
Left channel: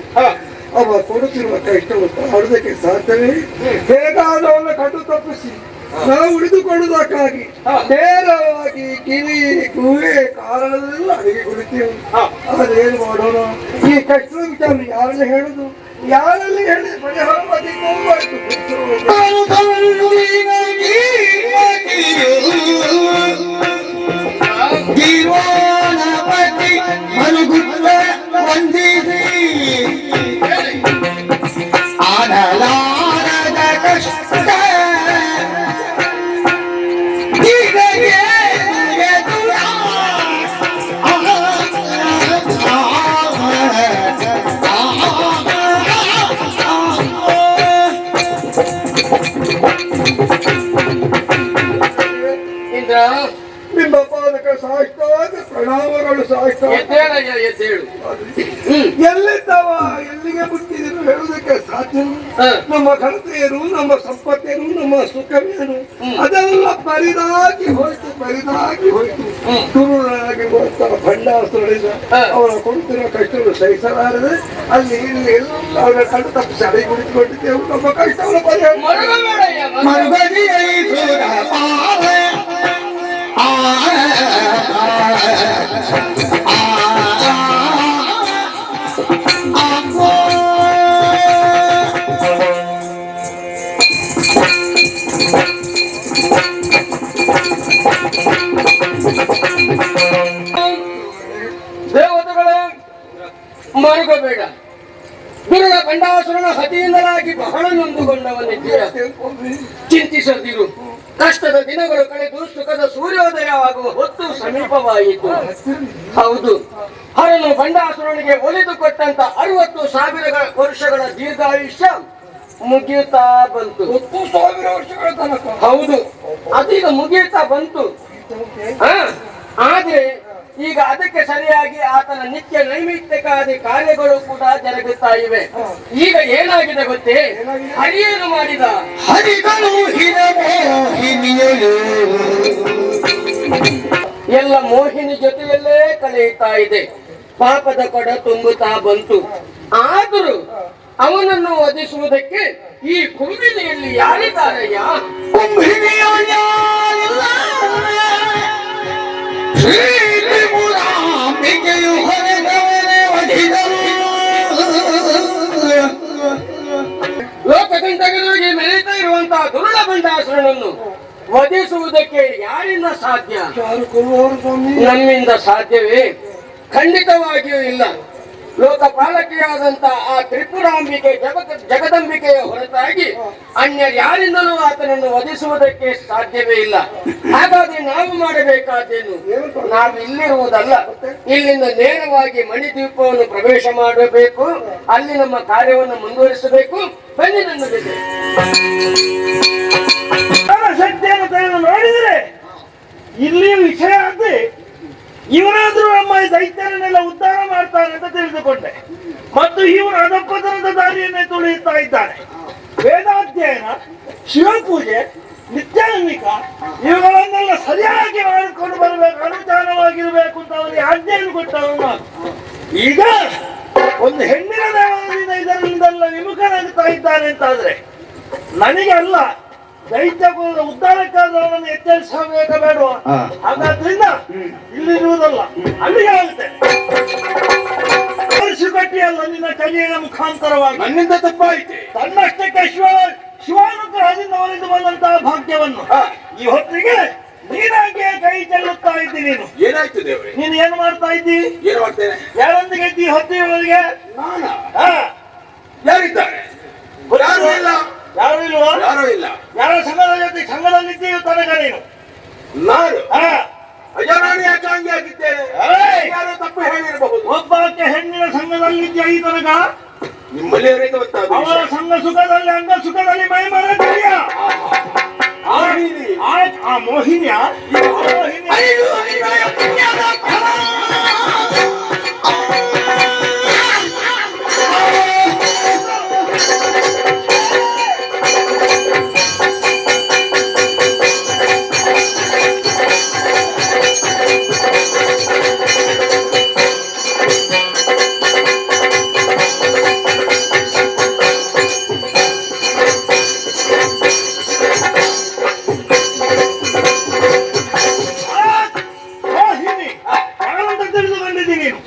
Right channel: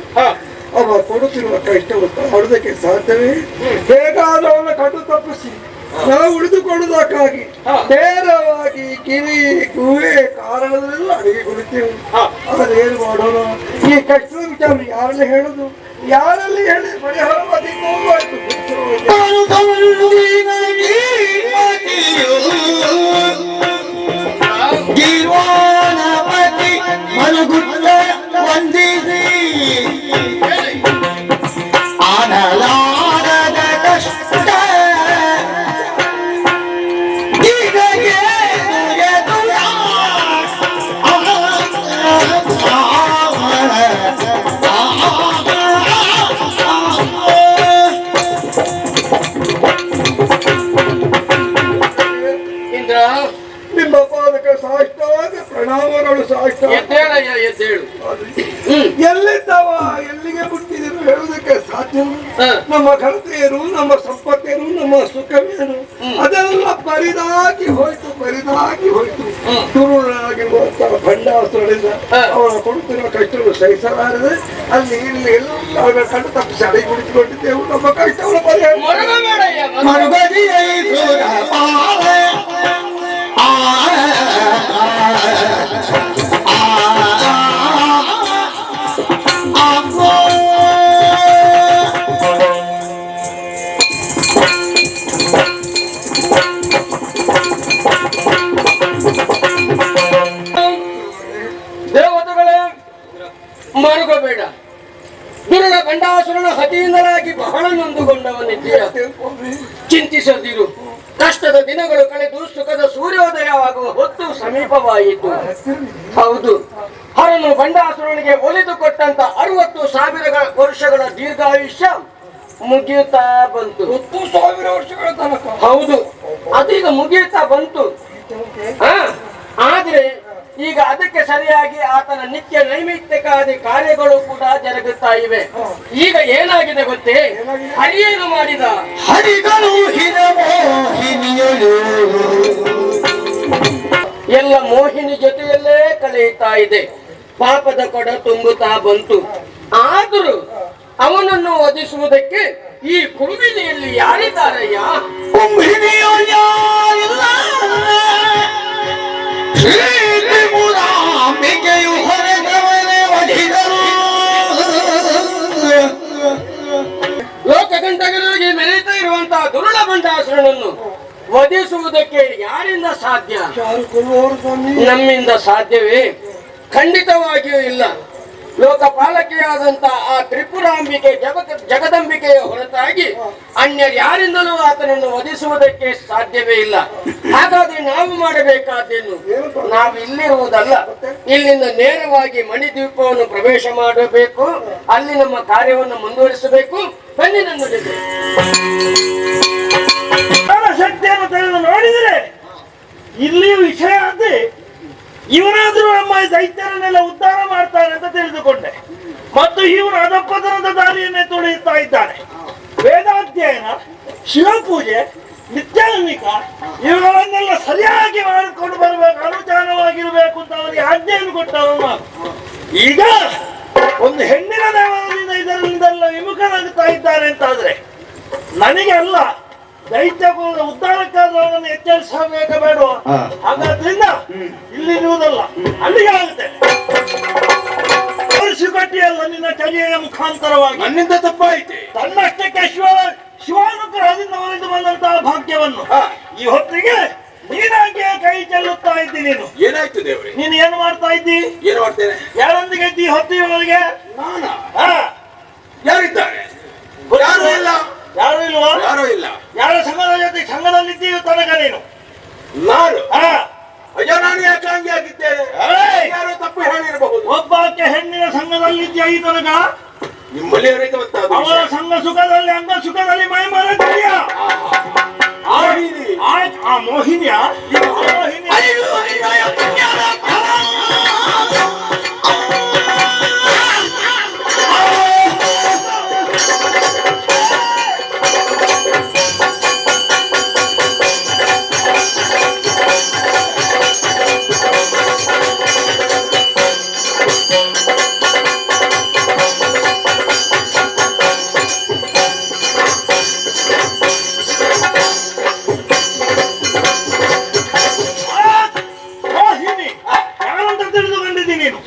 ಅವ ಕೊಡುತ್ತಿರುವ ಕಷ್ಟವನ್ನು ಹೊಡೆದಕ್ಕೆ ಸಾಧ್ಯವೇ? ಹೇಗಾದವನ್ನ ಕಟ್ಟು ತಪ್ಪಿಸಿ ನಾವು ಉಳಿದುಕೊಳ್ಳುವುದಕ್ಕಾಗಿ ನೇರವಾಗಿ ಕಿವಿ ಗುಹೆ ಕಾರಣದಲ್ಲ ಅಡಿಗೆ ಕುಳಿತೇವೆ. ಅದೇನು ಮಾಡೋಣ? ಈ ಕಷ್ಟದ ವಿಚಾರ ಯಾರಲ್ಲಿ ಹೇಳುದು? ಯಾರಲ್ಲಿ ಹೇಳಿ ಪರಿಹಾರವಾಗಿ ನಿಮ್ಮ ಪಾದಕ ಸಾಷ್ಟಾಂಗ ಪ್ರಣಾಮಗಳು. ಎಲ್ಲಿದ್ದವ ಎಲ್ಲಿಗೆ ಬಿಟ್ಟಿದ್ರು ಹೇಳುವುದಕ್ಕೆ ಸಾಧ್ಯ? ನಮ್ಮ ಘನತೆಯರು, ನಮ್ಮ ಸಂಪತ್ತೇನು, ನಮ್ಮ ಸುಖವೇನು ಅದೆಲ್ಲ ಬರಿದಾಗಿ ಹೋಯ್ತು. ತುರುಳಾಗಿರುವಂತಹ ಭಂಡಾಸುರಳಿಂದ ಅವರ ಕೊಡುತ್ತಿರುವ ಕಷ್ಟಗಳು ಸಹಿಸಲಾರದೆ ಅಲ್ಲಿ ಇಲ್ಲಿ ಎಲ್ಲ ಅವರ ಕಣ್ಣು ತಪ್ಪಿಸಿ ಅಡಿ ಕುಳಿತುಕೊಂಡಿದ್ದೆವು. ನಮ್ಮ ಕಷ್ಟವನ್ನು ಪರಿಹಾರ ದೇವತೆಗಳೇ, ಮರುಗಬೇಡ. ದುರುಳ ಗಂಡಾಸುರನ ಹತಿಯಿಂದಲಾಗಿ ಬಹಳ ನೊಂದುಕೊಂಡವನಿದ್ದೀರ. ಚಿಂತಿಸದಿರು. ಕಷ್ಟದ ದಿನಗಳು ಕಳೆದು ಸುಖದ ಸೂರ್ಯೋದಯವಾಗುವ ಹೊತ್ತು ಸಮೀಪವಾಯಿತು. ಹೌದು, ಹರನು ಬಂಡಾಸುರನಿಗೆ ಒಲಿದು ಕೊಟ್ಟಂತ 60,000 ವರ್ಷಗಳ ದೀರ್ಘಾಯುಷ್ಯ ಮುಗಿಯುತ್ತಾ ಬಂತು. 10,000 ವರ್ಷಗಳ ತನಕ. ಹೌದು, ಅದೀಗ ಮುಗಿಯುತ್ತಾ ಬಂತು. ಆದ್ರೆ ಈಗ ಅದಕ್ಕೆ ಸರಿಯಾಗಿ ಆತನ ನಿತ್ಯ ನೈಮಿತ್ತಿಕಾದಿ ಕಾರ್ಯಗಳು ಕೂಡ ಜರುಗುತ್ತಾ ಇವೆ. ಈಗ ಏನಾಗಿದೆ ಗೊತ್ತೇ? ಹರಿಯೇನು ಮಾಡಿದ? ಎಲ್ಲ ಮೋಹಿನಿ ಜೊತೆಯಲ್ಲೇ ಕಳೆಯುತ್ತಾ ಇದೆ. ಪಾಪದ ಕೊಡ ತುಂಬುತ್ತಾ ಬಂತು. ಆದರೂ ಅವನನ್ನು ವಧಿಸುವುದಕ್ಕೆ ಈ ಕುಂಭಿನಿಯಲ್ಲಿ ಯಾರಿದ್ದಾರಯ್ಯ? ಲೋಕಗಂಟಗಳಿಗೆ ಮೆರೆಯುತ್ತಾ ಇರುವಂತಹ ದುರುಳ ಬಂಡಾಸುರನನ್ನು ವಧಿಸುವುದಕ್ಕೆ ಯಾರಿಂದ ಸಾಧ್ಯ? ಯಾರು ಕೊಡುವವರು ಸ್ವಾಮಿ? ನಮ್ಮಿಂದ ಸಾಧ್ಯವೇ? ಖಂಡಿತವಾಗಿಯೂ ಇಲ್ಲ. ಲೋಕಪಾಲಕಿಯಾದಂತ ಆ ತ್ರಿಪುರಾಂಬಿಕೆ ಜಗದಂಬಿಕೆಯ ಹೊರತಾಗಿ ಅನ್ಯ ಯಾರಿಂದಲೂ ಆತನನ್ನು ವಧಿಸುವುದಕ್ಕೆ ಸಾಧ್ಯವೇ ಇಲ್ಲ. ಹಾಗಾದ್ರೆ ನಾವು ಮಾಡಬೇಕಾದ್ದೇನು? ನಾವು ಇಲ್ಲಿರುವುದಲ್ಲ, ಇಲ್ಲಿಂದ ನೇರವಾಗಿ ಮಣಿದ್ವೀಪವನ್ನು ಪ್ರವೇಶ ಮಾಡಬೇಕು. ಅಲ್ಲಿ ನಮ್ಮ ಕಾರ್ಯವನ್ನು ಮುಂದುವರಿಸಬೇಕು. ಬನ್ನಿ ನನ್ನ ಜೊತೆ. ಶಕ್ತಿಯನ್ನು ತೆಗೆದು ನೋಡಿದರೆ ಇಲ್ಲಿಯೂ ವಿಷಯ ಆದ್ರೆ ಇವನಾದ್ರೂ ನಮ್ಮ ದೈತ್ಯರನ್ನೆಲ್ಲ ಉದ್ಧಾರ ಮಾಡ್ತಾನೆ ಅಂತ ತಿಳಿದುಕೊಂಡೆ. ಮತ್ತು ಇವನು ಅಧಪತನದ ದಾರಿಯನ್ನೇ ತುಳಿಯುತ್ತಾ ಇದ್ದಾನೆ. ವೇದಾಧ್ಯಯನ, ಶಿವಪೂಜೆ, ನಿತ್ಯಾನ್ವಿಕ ಇವುಗಳನ್ನೆಲ್ಲ ಸರಿಯಾಗಿ ಮಾಡಿಕೊಂಡು ಬರಬೇಕು, ಅನುಷ್ಠಾನವಾಗಿರ್ಬೇಕು ಅಂತ ಅವರಿಗೆ ಆಜ್ಞೆಯನ್ನು ಕೊಟ್ಟವರು ನಾನು. ಈಗ ಒಂದು ಹೆಣ್ಣಿನ ದೇವರಿಂದ ಇದರಿಂದೆಲ್ಲ ವಿಮುಖನಾಗುತ್ತಾ ಇದ್ದಾನೆ ಅಂತಾದ್ರೆ ನನಗೆ ಅಲ್ಲ, ದೈತ್ಯ ಕುಲದ ಉದ್ಧಾರಕ್ಕಾದ್ರೂ ಅವನನ್ನು ಎಚ್ಚರಿಸಬೇಕ ಬೇಡ. ಹಾಗಾದ್ರಿಂದ ಇಲ್ಲಿರುವುದಲ್ಲ, ಅಲ್ಲಿಗೆ ಆಗುತ್ತೆ. ಕಟ್ಟಿಯಲ್ಲ ನಿನ್ನ ಕಲಿಯ ಮುಖಾಂತರವಾಗಿ ನನ್ನಿಂದ ತಪ್ಪಾಯಿತೆ. ತನ್ನಷ್ಟಕ್ಕೆ ಶಿವಾನುಗ್ರಹದಿಂದ ಒಲಿದು ಬಂದಂತಹ ಭಾಗ್ಯವನ್ನು ಈ ಹೊತ್ತಿಗೆ ನೀನಾಗೆ ಕೈ ಚೆಲ್ಲುತ್ತಾ ಇದ್ದಿ. ನೀನು ಏನಾಯ್ತು ದೇವರೇ? ನೀನು ಏನು ಮಾಡ್ತಾ ಇದ್ದಿ? ಏನು ಮಾಡ್ತೇನೆ? ಯಾರೊಂದಿಗೆ ಇದ್ದಿ ಹೊತ್ತಿಗೆ? ನಾನ? ಯಾರಿದ್ದಾರೆ? ಯಾರು ಇಲ್ಲ. ಯಾರು ಇಲ್ವಾ? ಯಾರು ಇಲ್ಲ. ಯಾರ ಸಂಘದ ಜೊತೆ ಸಂಘದಲ್ಲಿದ್ದೀವಿ ತನಕ ನೀನು? ನಾನು ಅಯ್ಯೋ, ನಾನು ಯಾಕೆ ಹಂಗೆ ಆಗಿದ್ದೇನೆ? ಯಾರೋ ತಪ್ಪು ಹೇಳಿರಬಹುದು. ಒಬ್ಬಾಕೆ ಹೆಣ್ಣಿನ ಸಂಘದಲ್ಲಿದ್ಯಾ ಈ ತನಕ? ನಿಮ್ಮಲ್ಲಿಯವರಿಗೆ ಗೊತ್ತಾದ ಅವರ ಸಂಘ ಸುಖದಲ್ಲಿ ಅಂಗ ಸುಖದಲ್ಲಿ ಮೈ ಮರೆತಿದ್ಯಾ? ಆ ಮೋಹಿನಿಯ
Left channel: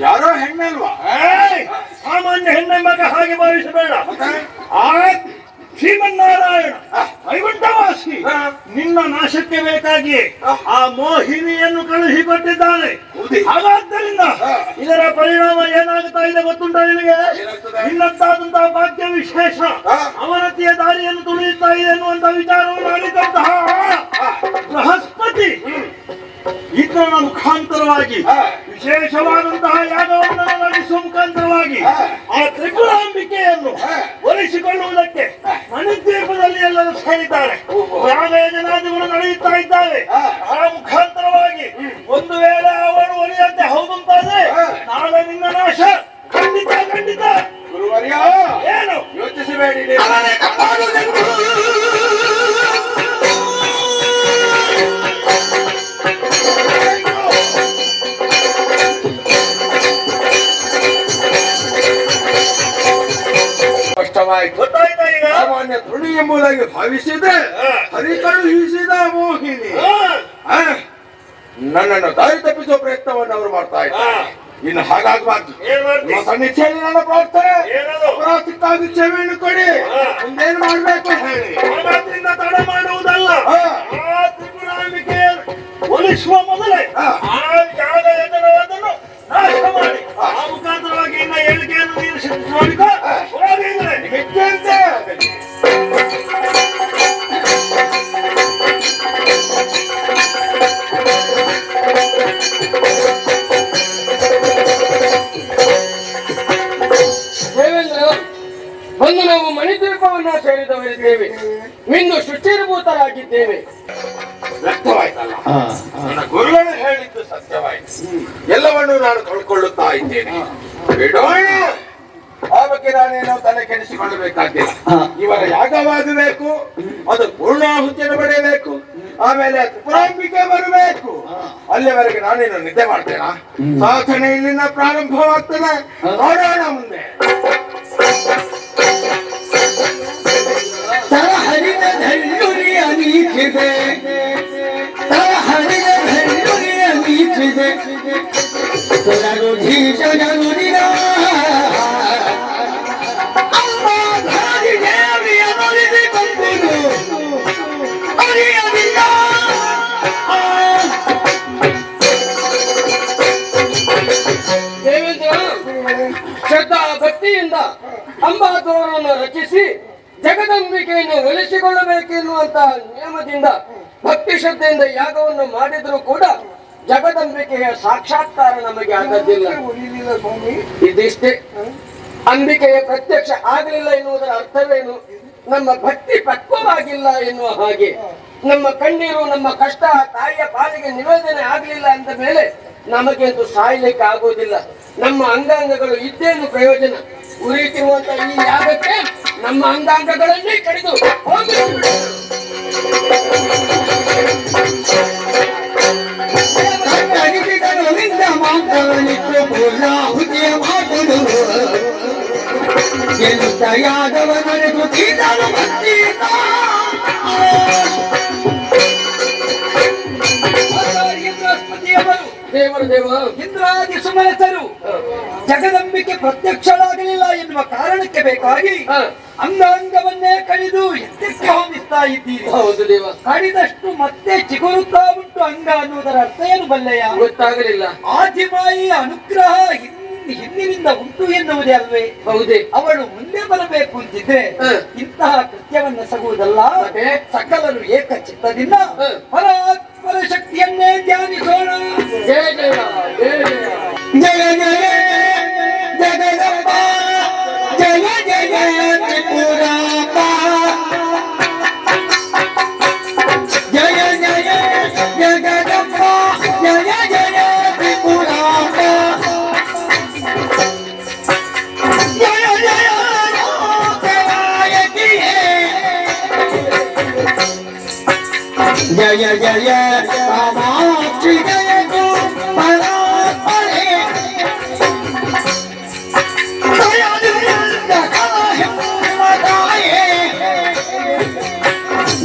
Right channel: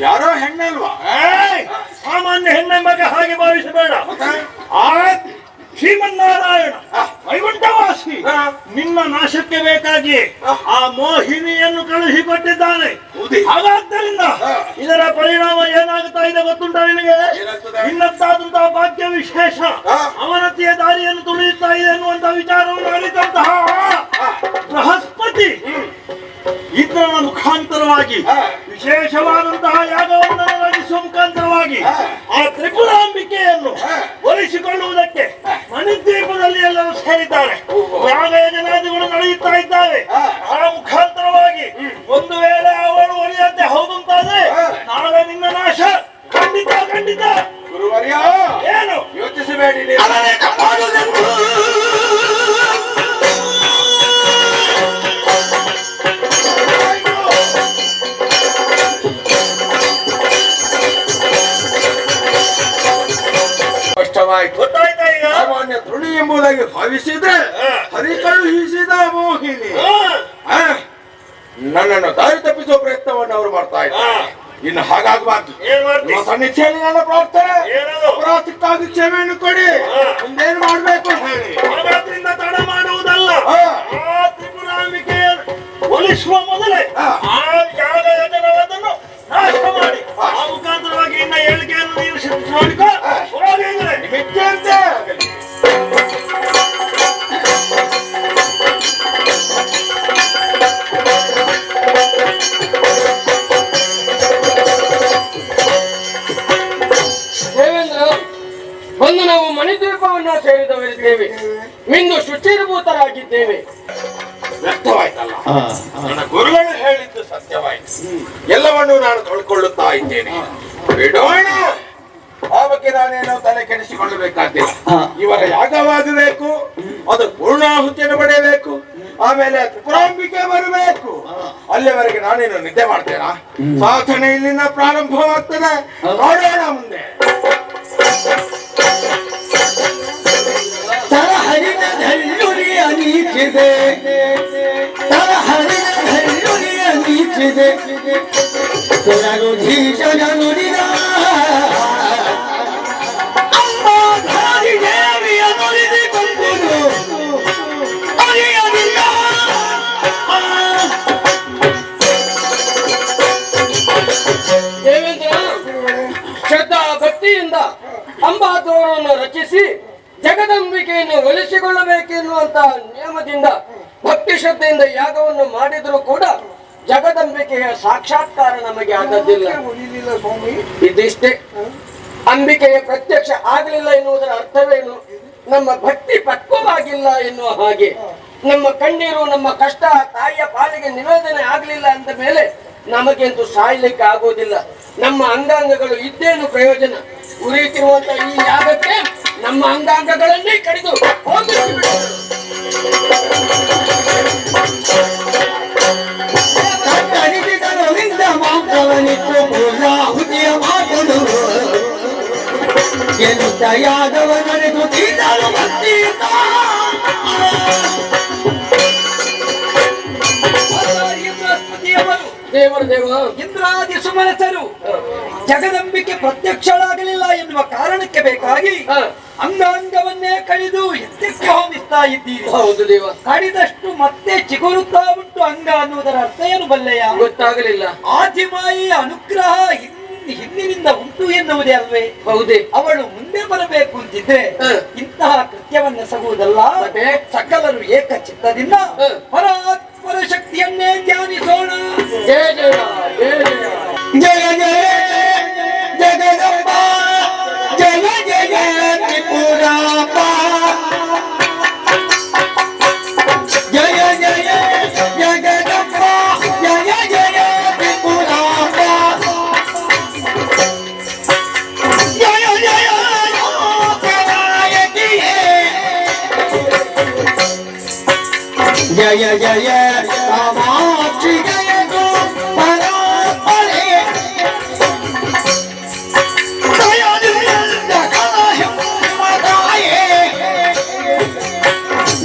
ಯಾರೋ ಹೆಣ್ಣಲ್ವಾ? ಸಾಮಾನ್ಯ ಹೆಣ್ಣೆಂಬ ಹಾಗೆ ಭಾವಿಸಬೇಡ. ಆ ಶ್ರೀಮನ್ನಾರಾಯಣ ವೈಕುಂಠವಾಸಿ ನಿನ್ನ ನಾಶಕ್ಕೆ ಬೇಕಾಗಿ ಆ ಮೋಹಿನಿಯನ್ನು ಕಳುಹಿಕೊಟ್ಟಿದ್ದಾನೆ. ಹಾಗಾದ್ದರಿಂದ ಇದರ ಪರಿಣಾಮ ಏನಾಗುತ್ತಾ ಇದೆ ಗೊತ್ತುಂಟ ನಿನಗೆ? ನಿನ್ನದ್ದಾದಂತಹ ಭಾಗ್ಯ ವಿಶೇಷ ಅವನತಿಯ ದಾರಿಯನ್ನು ತುಳಿಯುತ್ತಾ ಇದೆ ಎನ್ನುವಂತಹ ವಿಚಾರವನ್ನು ಅರಿತಂತಹ ಬೃಹಸ್ಪತಿ ಇಂದ್ರನ ಮುಖಾಂತರವಾಗಿ ವಿಶೇಷವಾದಂತಹ ಯಾಗವನ್ನು ನಡೆಸುವ ಮುಖಾಂತರವಾಗಿ ಆ ತ್ರಿಪುರಾಂಬಿಕೆಯನ್ನು ಒಲಿಸಿಕೊಳ್ಳುವುದಕ್ಕೆ ಮಣಿದ್ವೀಪದಲ್ಲಿ ಎಲ್ಲರೂ ಸೇರಿದ್ದಾರೆ. ಯಾಗ ಯಜನಾದಿಗಳು ನಡೆಯುತ್ತಾ ಇದ್ದಾರೆ. ಆ ಮುಖಾಂತರವಾಗಿ ಒಂದು ವೇಳೆ ಅವಳು ಒಲಿಯಂತೆ ಹೌದಂತಾದ್ರೆ ನಾಳೆ ನಿನ್ನ ನಾಶ ಖಂಡಿತ ಖಂಡಿತ. ಗುರುವರ್ಯ, ಏನು ಯೋಚಿಸಬೇಡಿ. ಗೊತ್ತಾಯ್ತಾ ಈಗ? ಸಾಮಾನ್ಯ ತೃಣಿ ಎಂಬುದಾಗಿ ಭಾವಿಸಿದ್ರೆ ಹರಿಕಳುಹಿಸಿದ ಮೋಹಿನಿ ನನ್ನನ್ನು ದಾರಿ ತಪ್ಪಿಸುವ ಪ್ರಯತ್ನವನ್ನು ಅವರು ಮಾಡ್ತಾ ಇದ್ದಾರೆ. ಇನ್ನು ಹಾಗಾಗಬಾರ್ದು. ಸನ್ನಿಧಿಯಲ್ಲಿ ನನ್ನ ಪ್ರಾರ್ಥನೆ, ಅಪರಾಧಕ್ಕಾಗಿ ಕ್ಷಮೆಯನ್ನು ಕೊಡಿ. ಮುಂದೇನು ಮಾಡ್ಬೇಕು ಹೇಳಿ. ಹಾಗಾದ್ರಿಂದ ತಡ ಮಾಡುವುದಲ್ಲ. ತ್ರಿಪುರಾಂಬಿಕೆ ಒಲಿಸುವ ಮೊದಲೇ ಆ ಯಾಗ ಯಜನವನ್ನು ನಾಶ ಮಾಡಿ ಆ ಮುಖಾಂತರವಾಗಿ ಇನ್ನ ಹೇಳಿಕೆಯನ್ನು ನೀನು ನೋಡಿಕೊ. ಮಿಥ್ಯಂತೆ ದೇವೇಂದ್ರ, ಒಂದು ನಾವು ಮಣಿದ್ವೀಪವನ್ನ ಸೇರಿದವರಿದ್ದೇವೆ. ಇಂದು ಶುಚಿರ್ಭೂತರಾಗಿದ್ದೇವೆ. ವ್ಯಕ್ತವಾಯ್ತಲ್ಲ, ನನ್ನ ಗುರುಗಳು ಹೇಳಿದ್ದು ಸತ್ಯವಾಯಿತು. ಎಲ್ಲವನ್ನೂ ನಾನು ಕಳ್ಕೊಳ್ಳುತ್ತಾ ಇದ್ದೇನೆ. ಬಿಡೋಣ, ಆ ಬಗ್ಗೆ ನಾನೇನೋ ತಲೆ ಕೆಡಿಸಿಕೊಳ್ಳಬೇಕಾಗಿಲ್ಲ. ಇವರ ಯಾಗವಾಗಬೇಕು, ಅದು ಪೂರ್ಣಾಹುತಿಯನ್ನು ಪಡೆಯಬೇಕು, ಆಮೇಲೆ ತ್ರಿಪುರಾಂಬಿಕೆ ಬರಬೇಕು. ಅಲ್ಲಿವರೆಗೆ ನಾನೇನು ನಿದ್ದೆ ಮಾಡ್ತೇನಾ? ಸಾಧನೆ ಇಲ್ಲಿಂದ ಪ್ರಾರಂಭವಾಗ್ತದೆ. ನೋಡೋಣ ಮುಂದೆ. ತರಹರಿನ ಧನ್ಯುರಿಯ ನೀಚಿದೆ, ತರಹರಿನ ಧನ್ಯುರಿಯ ನೀಚಿದೆ, ತೊಡಗು ಧೀಶನ ನುಡಿನ ಅಮ್ಮ ಧಾರಿ ದೇವಿಯ ನುಡಿದುಕೊಂಡು ಅರಿಯಲಿಲ್ಲ. ಶ್ರದ್ಧಾ ಭಕ್ತಿಯಿಂದ ಅಂಬಾದೋರವನ್ನು ರಚಿಸಿ ಜಗದಂಬಿಕೆಯನ್ನು ಒಲಿಸಿಕೊಳ್ಳಬೇಕೆನ್ನುವಂತ ನಿಯಮದಿಂದ ಭಕ್ತಿ ಶ್ರದ್ಧೆಯಿಂದ ಯಾಗವನ್ನು ಮಾಡಿದ್ರು ಕೂಡ ಜಗದಂಬಿಕೆಯ ಸಾಕ್ಷಾತ್ಕಾರ ನಮಗೆ ಆದದ್ದಿಲ್ಲ. ಉಳಿಲಿಲ್ಲ ಸ್ವಾಮಿ. ಇದಿಷ್ಟೇ. ಅಂಬಿಕೆಯ ಪ್ರತ್ಯಕ್ಷ ಆಗಲಿಲ್ಲ ಎನ್ನುವುದರ ಅರ್ಥವೇನು? ನಮ್ಮ ಭಕ್ತಿ ಪಕ್ವವಾಗಿಲ್ಲ ಎನ್ನುವ ಹಾಗೆ. ನಮ್ಮ ಕಣ್ಣೀರು, ನಮ್ಮ ಕಷ್ಟ ತಾಯಿಯ ಪಾಲಿಗೆ ನಿವೇದನೆ ಆಗಲಿಲ್ಲ ಅಂದ ಮೇಲೆ ನಮಗೆಂತೂ ಸಾಯ್ಲಿಕ್ಕೆ ಆಗೋದಿಲ್ಲ. ನಮ್ಮ ಅಂಗಾಂಗಗಳು ಇದ್ದೇನು ಪ್ರಯೋಜನ? ಉರಿಯುತ್ತಿರುವಂತ ಈ ಯಾಗಕ್ಕೆ ನಮ್ಮ ಅಂಗಾಂಗಗಳನ್ನೇ ಕಡಿದು ದೇವರು ಇಂದ್ರಾದಿ ಸುಮನಸರು ಜಗದಂಬಿಕೆ ಪ್ರತ್ಯಕ್ಷಳಾಗಲಿಲ್ಲ ಎನ್ನುವ ಕಾರಣಕ್ಕೆ ಬೇಕಾಗಿ ಅಂಗಾಂಗವನ್ನೇ ಕಡಿದು ಎತ್ತಕ್ಕೆ ಹೋಮಿಸ್ತಾ ಇದ್ದೀರಿ. ಹೌದು ದೇವ. ಕಡಿದಷ್ಟು ಮತ್ತೆ ಚಿಗುರುತ್ತಾ ಉಂಟು ಅಂಗ ಅನ್ನುವುದರ ಅರ್ಥ ಏನು ಬಲ್ಲೆಯ? ಗೊತ್ತಾಗಲಿಲ್ಲ. ಆದಿಮಾಯಿಯ ಅನುಗ್ರಹ ಹಿಂದಿನಿಂದ ಉಂಟು ಎನ್ನುವುದೇ ಅಲ್ವೇ? ಹೌದೇ. ಅವಳು ಮುಂದೆ ಬರಬೇಕು ಅಂತಿದ್ರೆ ಇಂತಹ ಕೃತ್ಯವನ್ನೆಸಗುವುದಲ್ಲ. ಸಕಲರು ಏಕ ಚಿತ್ತದಿಂದ ಪರಾತ್ಪರ ಶಕ್ತಿಯನ್ನೇ ಧ್ಯಾನಿಸೋಣ. ಜಯ ಜಯ ಜಯ ಜಯ ಜಯ ಜಗದಂಬ ಜಯ ಜಯ ತ್ರಿಪುರಾಂಬ ಜಯ ಜಯ ಜಗದಂಬ ಜಯ ಜಯ ತ್ರಿಪುರಾಂಬ ಜಯ ಜಯ ಲೋಕನಾಯಕಿಯೇ ಜಯ ಜಯ ಕಾಮಾಕ್ಷಿ ಜಯ ಗೋ ಪರಾತ್ಪರೆ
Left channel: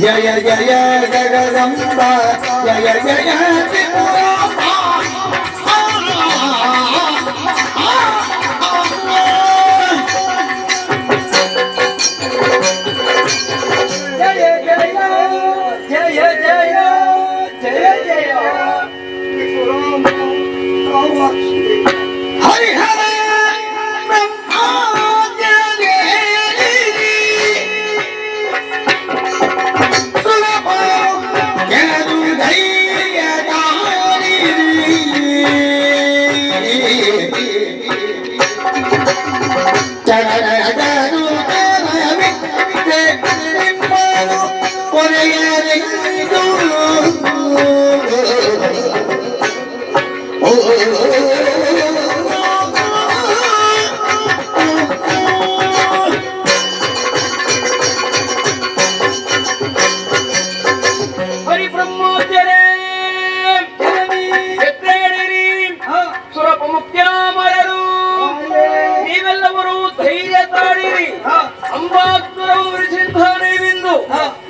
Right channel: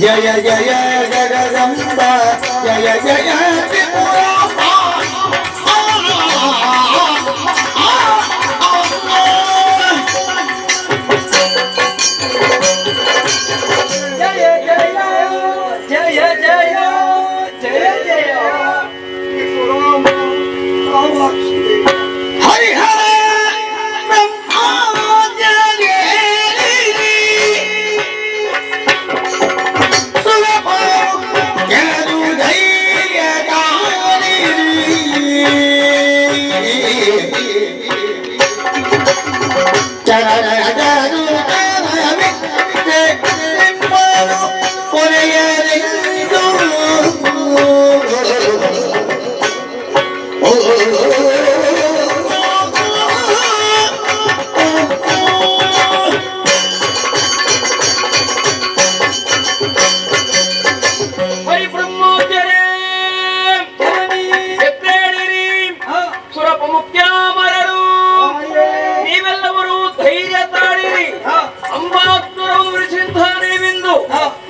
ಜಯ ಜಯ ಜಗದಂಬ ಜಯ ಜಯ ತ್ರಿಪುರಾಂಬ ಜಯ ಜಯ ಜಯ ಜಯ ಜಯ ಜಯ ತ್ರಿಪುರಾಂಬ ಕಾಮಾಕ್ಷಿ ಹರಿಹರ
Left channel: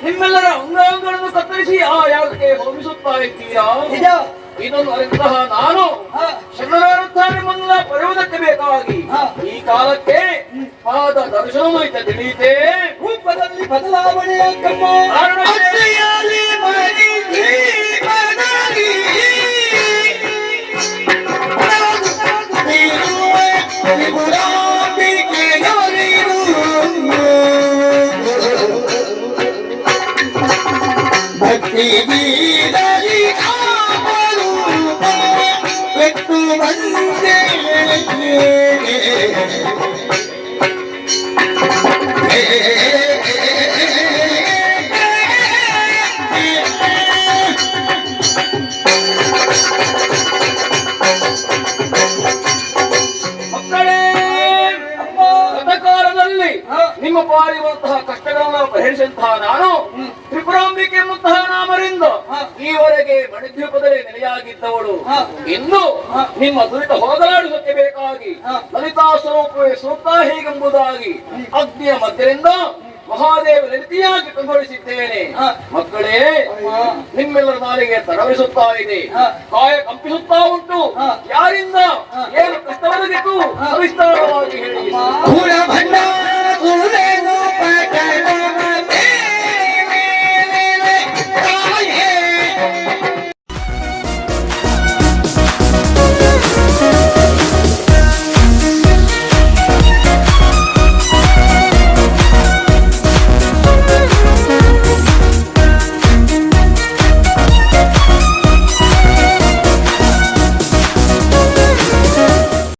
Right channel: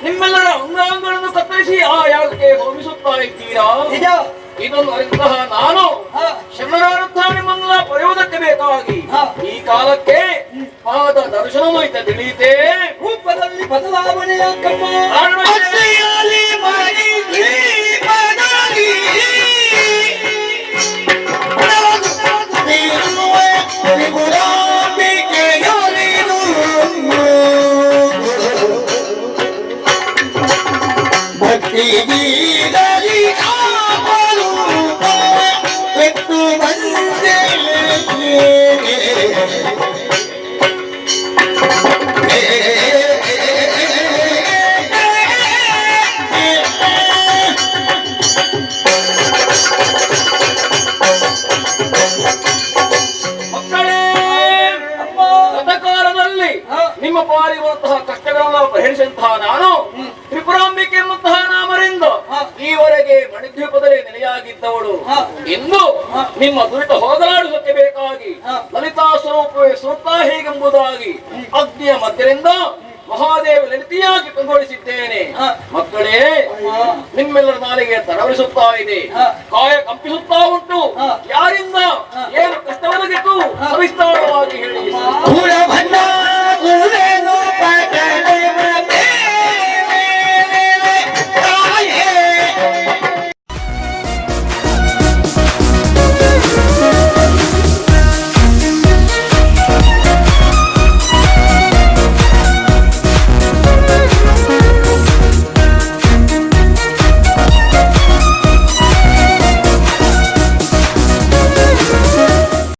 ನಿಮ್ಮೆಲ್ಲರ ಅಂಗಾಂಗಗಳನ್ನು ಕತ್ತರಿಸಿ ಆ ಯಾಗಕ್ಕೆ ಹೋಗಿಸುತ್ತಾ ಇದ್ದೀರಾ? ಇದನ್ನು ಅರಿತಹ ನಾನು ಶರಣರಾದಂಥ ನಿಮ್ಮನ್ನ ಪಡೆಯುವುದಕ್ಕೆ ಬೇಕಾಗಿ ಈ ಕಾಲಕ್ಕೆ ಪಾದ ದರ್ಶನವೈತ ತಿಳಿಯಿತೆ. ರೂಪದಲ್ಲಿ ಬದಲಾವಣೆಯ ಕಮ್ಮ ಭಕ್ತಿ ಬೆಟ್ಟು ಬಂದೆ ಮಕ್ಕಳೇ, ಗತಕಾಲದಲ್ಲಿ ನಿಮ್ಮ ಪಾಲಿರುವಂತಹ ಕಷ್ಟಗಳನ್ನು ಪರಿಹರಿಸಿದಂತಹ ನಾನು ತ್ರಿಪುರಾಂಬಿಕೆ ಎಂಬಂತಹ ನಾಮರಿಂದ ಈವರೆಗೆ ಮಣಿದ್ವೀಪದಲ್ಲಿ ನೆಲೆಯಾಗಿದ್ದವಳು ಇಂದು ನಿಮ್ಮ ದುರಿತ ಹೋಗಲಾಡುವುದಕ್ಕೆ ಬೇಕಾಗಿ ಲಲಿತಾ ಸ್ವರೂಪವೇ ಸೂಕ್ತ ಹೇಗೆಂಬುದಾಗಿ ಅಗ್ನಿಯ ಮಧ್ಯದಿಂದ ಮಹಾದೇವ ನೆನಪಿಯಾಗಿ ಕಂಗೊಳಿಸಿದ್ದೇನೆ. ಮಕ್ಕಳೇ, ನಿಮ್ಮೆಲ್ಲರ ನಾಲಿಗೆ ತಡವರಿಸುತ್ತಾ ಇದೆ, ಕಾಯ ಕಂಪಿಸುತ್ತಾ ಉಂಟು. ಯಾರಿಂದ ಏನು ಕಷ್ಟವೊದಗಿತು ಸವಿಸ್ತಾರವಾಗಿ ಹೇಳಿ.